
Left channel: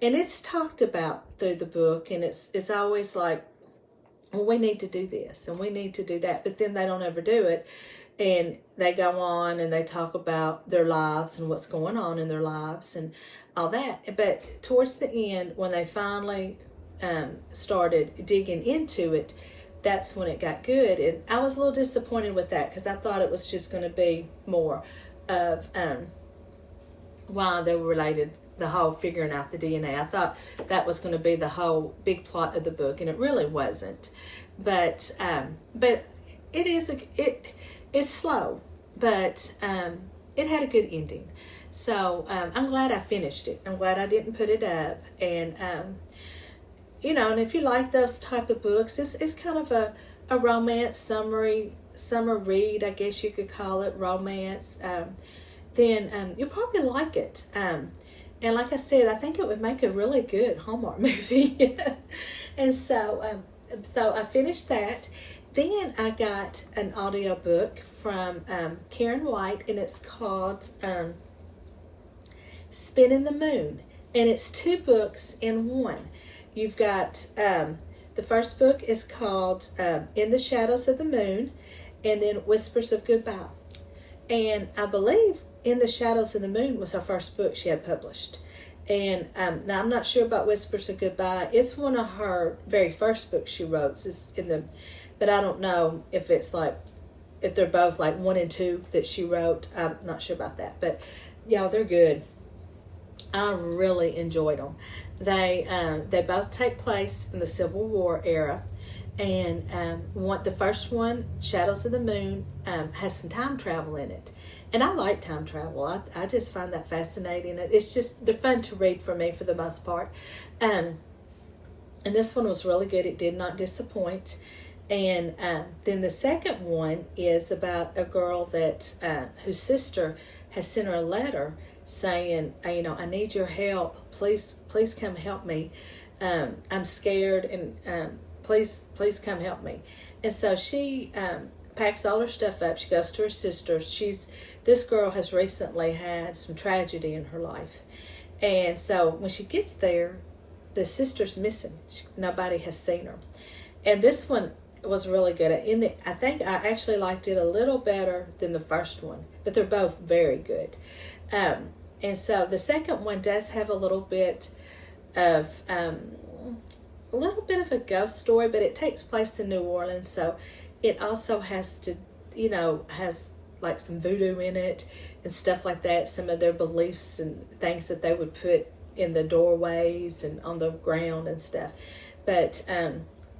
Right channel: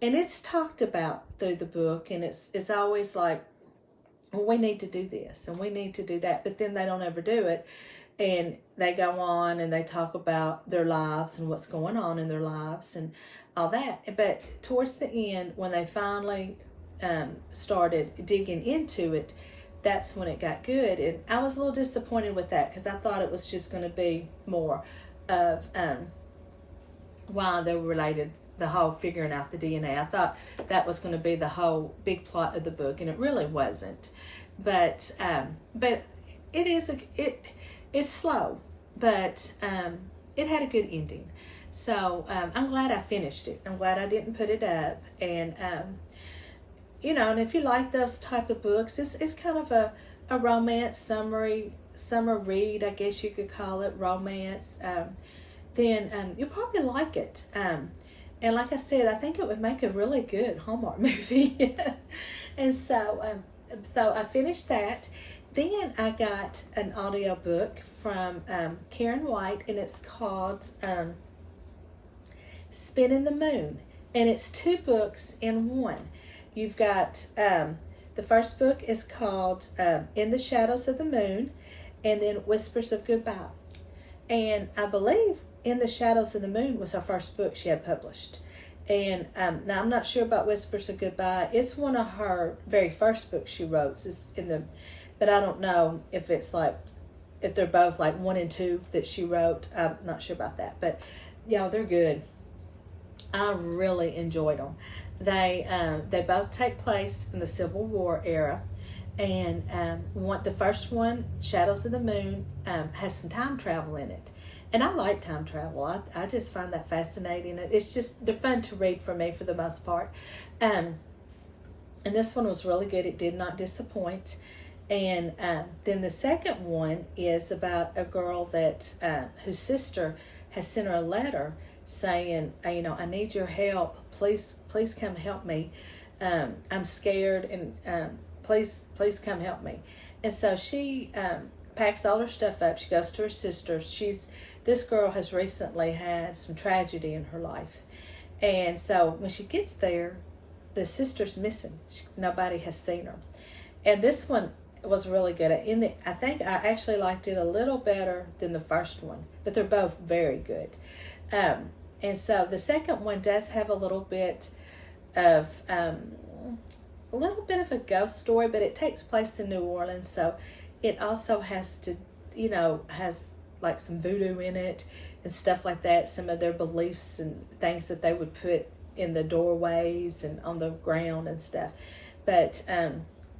And it's talked about through the book, and it's always like, well, we need to do this and we need to do that, but then they don't ever do it. And they go on and they talk about their lives and what's going on in their lives and all that. But towards the end, when they finally started digging into it, that's when it got good. And I was a little disappointed with that because I thought it was just going to be more of why they were related, the whole figuring out the DNA. I thought that was going to be the whole big plot of the book, and it really wasn't. But it is it's slow, but it had a good ending. So I'm glad I finished it. I'm glad I didn't put it up. And and if you like those type of books, it's kind of a romance summer read, I guess you could call it, romance. Then you'll probably like it. And like I said, I think it would make a really good Hallmark movie. And so I finished that. Then I got an audiobook from Karen White, and it's called Spinning the Moon. And it's 2 books in one. You've got, the first book is called In the Shadows of the Moon, and then Whispers of Goodbye. And I believe In the Shadows of the Moon was her first book she had published. And now I'm not sure about Whispers of Goodbye. It's one of her very first books she wrote. But I don't know if they're both like 1 and 2 that she wrote. I'm not sure about that. But y'all, they're good. I really enjoyed them. They both take place in the Civil War era. And the first one, Shadows of the Moon, has some time travel in it. And I like time travel. I just find that fascinating. They're fun to read for me for the most part. And this one was really good. It did not disappoint. And then the second one is about a girl that whose sister has sent her a letter saying, I need your help. Please come help me. I'm scared, and please come help me. And so she packs all her stuff up. She goes to her sister's. This girl has recently had some tragedy in her life. And so when she gets there, the sister's missing. Nobody has seen her. And this one was really good. I think I actually liked it a little better than the first one, but they're both very good. And so the second one does have a little bit of a ghost story, but it takes place in New Orleans, so it also has like some voodoo in it and stuff like that. Some of their beliefs and things that they would put in the doorways and on the ground and stuff. But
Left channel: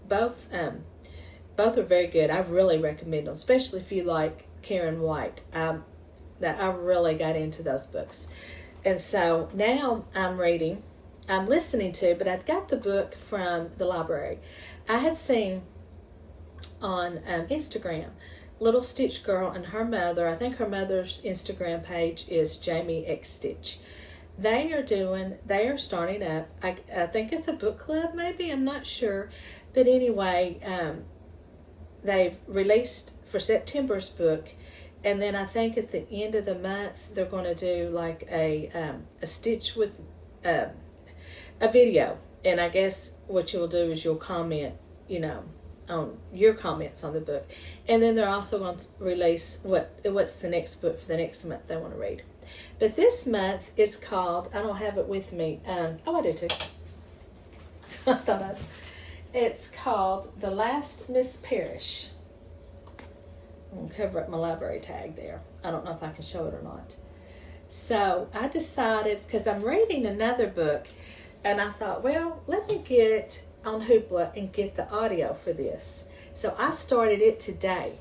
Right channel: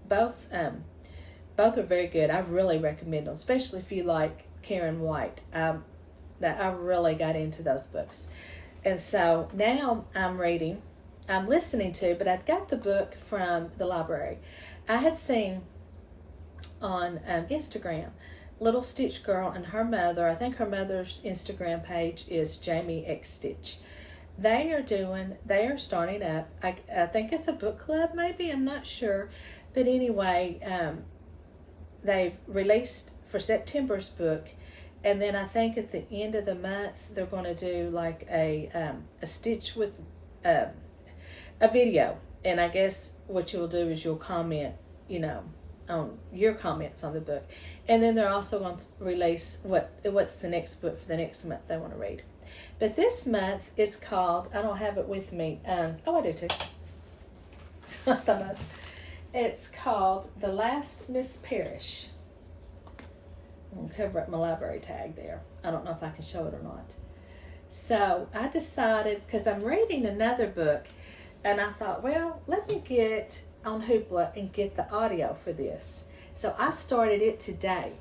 both are very good. I really recommend them, especially if you like Karen White. I really got into those books. And so now I'm listening to, but I'd got the book from the library. I had seen on Instagram, Little Stitch Girl and her mother. I think her mother's Instagram page is Jamie X Stitch. They are starting up. I think it's a book club, maybe. I'm not sure. But anyway, they've released for September's book. And then I think at the end of the month, they're going to do like a Stitch with a video. And I guess what you'll do is you'll comment, on your comments on the book. And then they're also going to release what's the next book for the next month they want to read. But this month is called, I don't have it with me. I do too. It's called The Last Miss Parrish. I'm going to cover up my library tag there. I don't know if I can show it or not. So I decided, because I'm reading another book, and I thought, well, let me get on Hoopla and get the audio for this. So I started it today.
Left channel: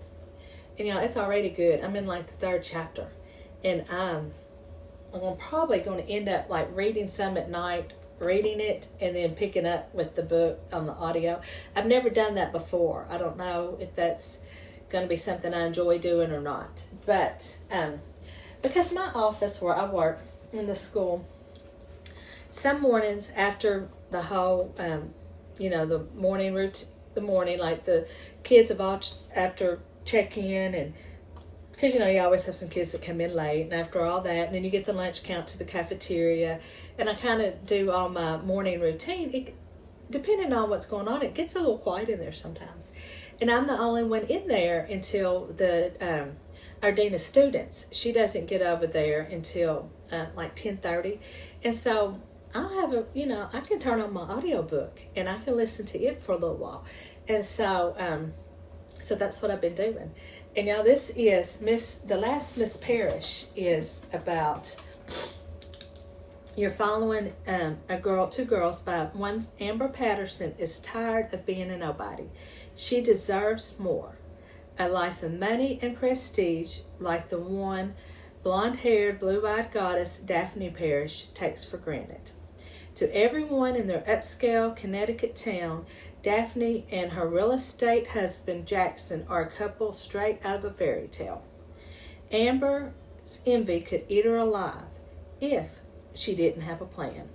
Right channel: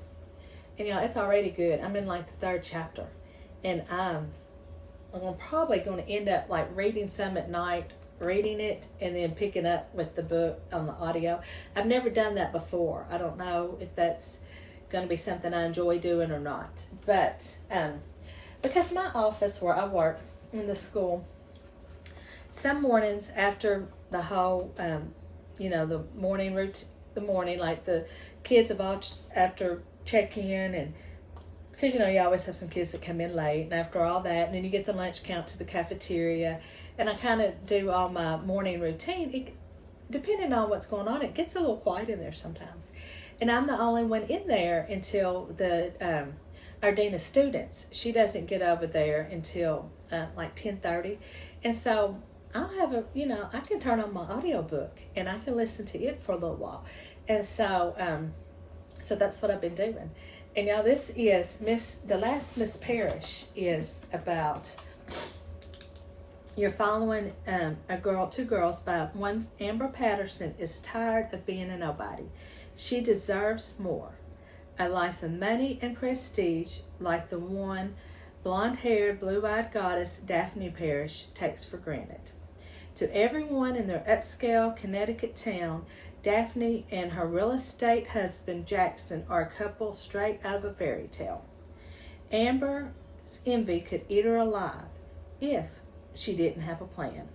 And it's already good. I'm in like the 3rd chapter. And I'm probably going to end up like reading some at night, reading it, and then picking up with the book on the audio. I've never done that before. I don't know if that's going to be something I enjoy doing or not. But because my office where I work in the school, some mornings after the whole, the morning routine, like the kids have all after check in, and because you always have some kids that come in late, and after all that, and then you get the lunch count to the cafeteria, and I kind of do all my morning routine. Depending on what's going on, it gets a little quiet in there sometimes. And I'm the only one in there until our dean of students. She doesn't get over there until like 10:30. And so I'll have I can turn on my audiobook and I can listen to it for a little while. And so so that's what I've been doing. And this is The Last Miss Parrish is about, you're following two girls by one. Amber Patterson is tired of being a nobody. She deserves more. a life of money and prestige like the one blonde-haired, blue-eyed goddess Daphne Parrish takes for granted. To everyone in their upscale Connecticut town, Daphne and her real estate husband Jackson are a couple straight out of a fairy tale. Amber's envy could eat her alive if she didn't have a plan.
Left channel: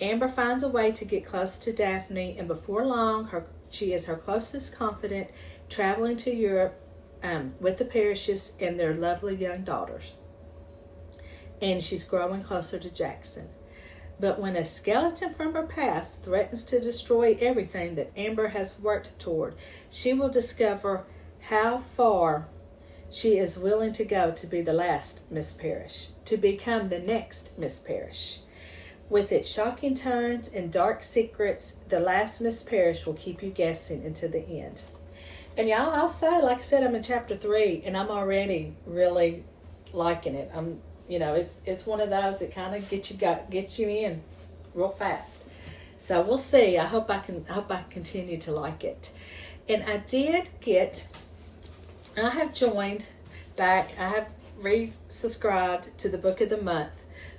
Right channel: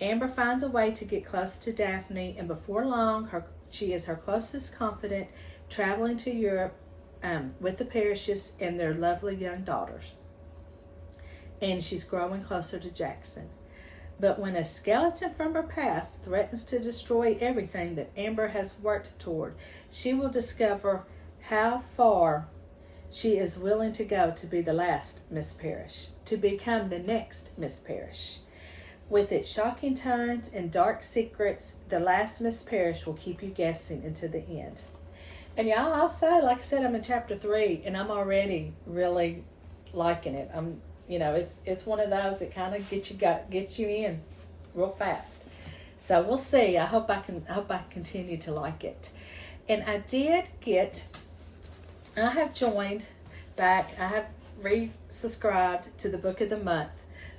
Amber finds a way to get close to Daphne, and before long, she is her closest confidant, traveling to Europe with the Parrishes and their lovely young daughters. And she's growing closer to Jackson. But when a skeleton from her past threatens to destroy everything that Amber has worked toward, she will discover how far she is willing to go to be the last Miss Parrish, to become the next Miss Parrish. With its shocking turns and dark secrets, the last Miss Parrish will keep you guessing until the end. And y'all, I'll say, like I said, I'm in chapter 3, and I'm already really liking it. It's one of those that kind of gets you in real fast. So we'll see. I hope I continue to like it. And I have joined back. I have resubscribed to the Book of the Month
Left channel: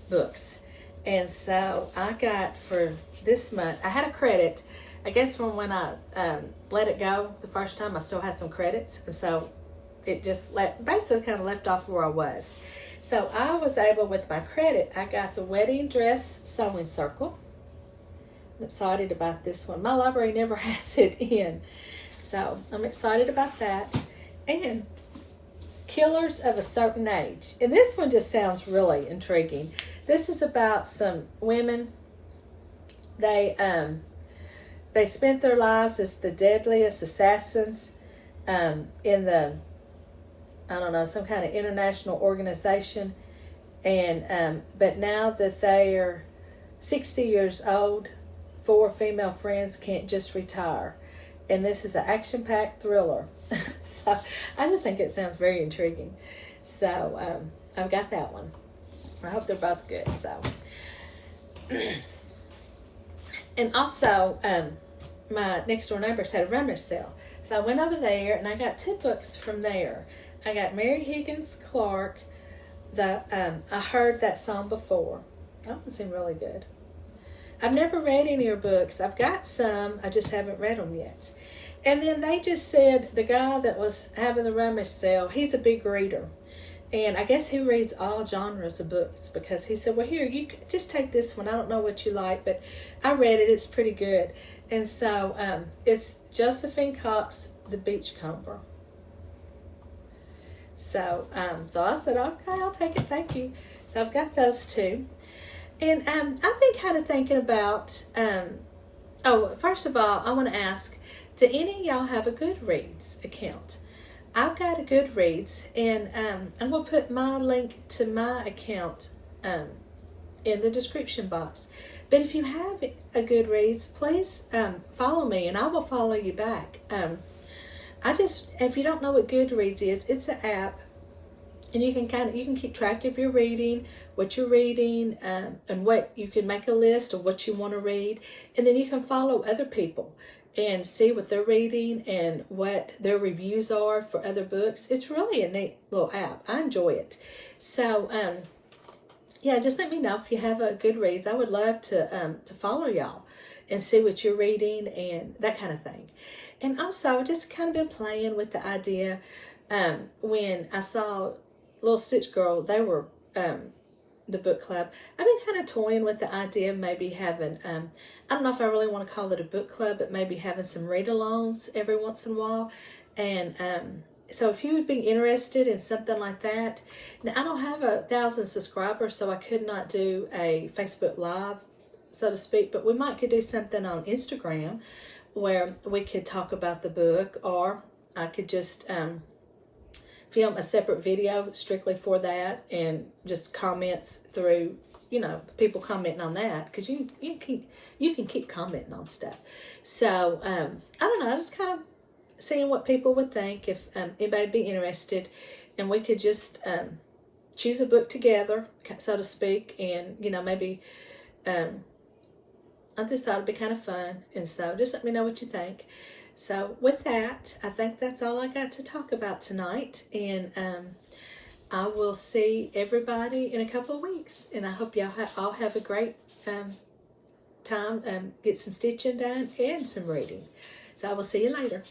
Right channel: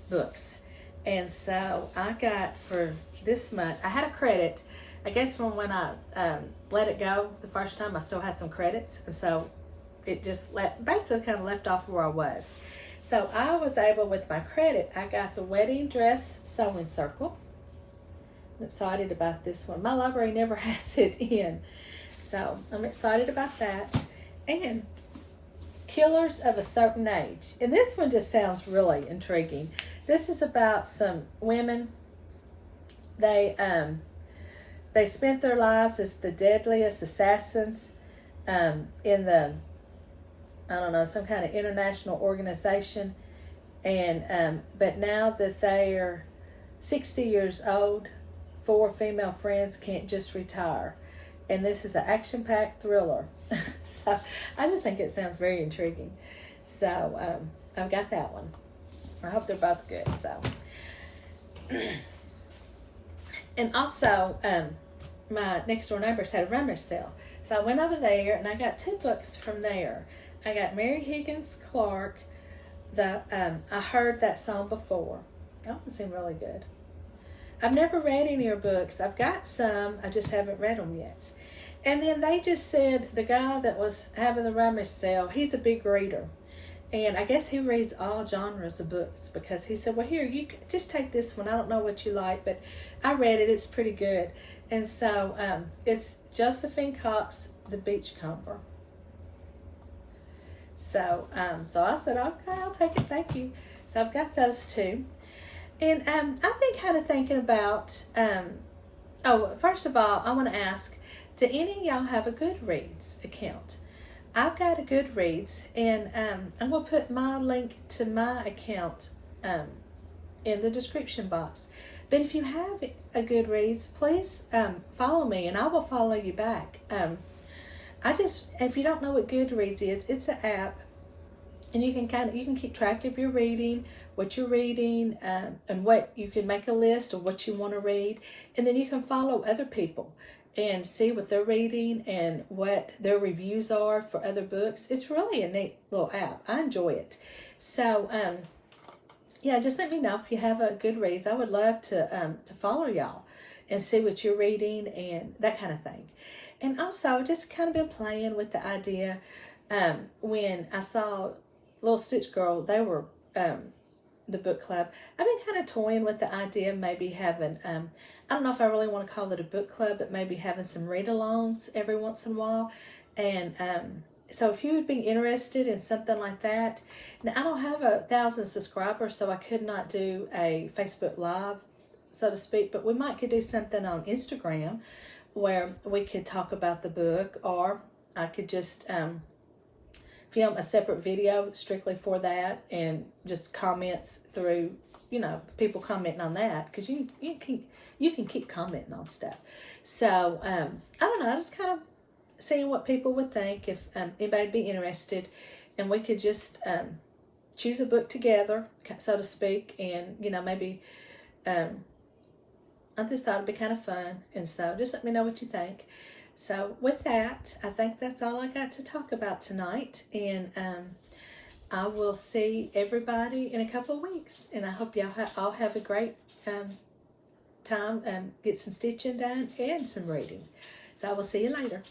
books. And so I got for this month, I had a credit. I guess from when I let it go the first time, I still had some credits. And so it just basically kind of left off where I was. So I was able, with my credit, I got the Wedding Dress Sewing Circle. I'm excited about this one. My library never has it in. So I'm excited about that. And Killers of a Certain Age. And this one just sounds really intriguing. This is about some women. They spent their lives as the deadliest assassins in the, some kind of international organization. And but now that they are 60 years old, 4 female friends can't just retire. And this is an action-packed thriller. So I just think it sounds very intriguing. So I've got that one. I hope they're both good. So, and also my next door neighbors had a rummage sale. So I went over there and I got 2 books from there. I got Mary Higgins Clark. I heard that song before. That one seemed really good. I've never read any of her books. I've got some. I just haven't read them yet. And then they just said the guy that was having the rummage sale, he's a big reader. And I guess he reads all genres of books, because he said, well, here, you just take this one. I don't know what you like, but I read it. It's pretty good. And so it's Josephine Cox, The Beachcomber. So I said, okay, I'll take it. Thank you. So I've got those 2. And I've been kind of thinking about, first of all, I want to ask, do any of y'all have a Goodreads account? I've got a Goodreads, and I'm going to put my link to my account in the description box. But if you have a Goodreads, please follow me, and I will follow you back. If you don't know what Goodreads is, it's an app, and you can keep track of your reading, what you're reading, and what you can make a list of what you want to read, and then you can follow other people and see what they're reading and what their reviews are for other books. It's really a neat little app. I enjoy it. So, just let me know if you have a Goodreads. I would love to follow y'all and see what you're reading and that kind of thing. And also, just kind of been playing with the idea. When I saw Little Stitch Girl, they were the book club. I've been kind of toying with the idea of maybe having, I don't know if I really want to call it a book club, but maybe having some read-alongs every once in a while. And so if you would be interested in something like that. Now, I don't have 1,000 subscribers, so I could not do a Facebook Live, so to speak, but we could do something on Instagram where we could talk about the book, or I could just film a separate video strictly for that, and just comments through, people commenting on that, because you can keep commenting on stuff. So I don't know, I just kind of seeing what people would think, if anybody would be interested, and we could just choose a book together, so to speak, and maybe I just thought it'd be kind of fun. And so just let me know what you think. So with that, I think that's all I got to talk about tonight. And I will see everybody in a couple of weeks. And I hope y'all all have a great time, get some stitching done and some reading. So I will see you later.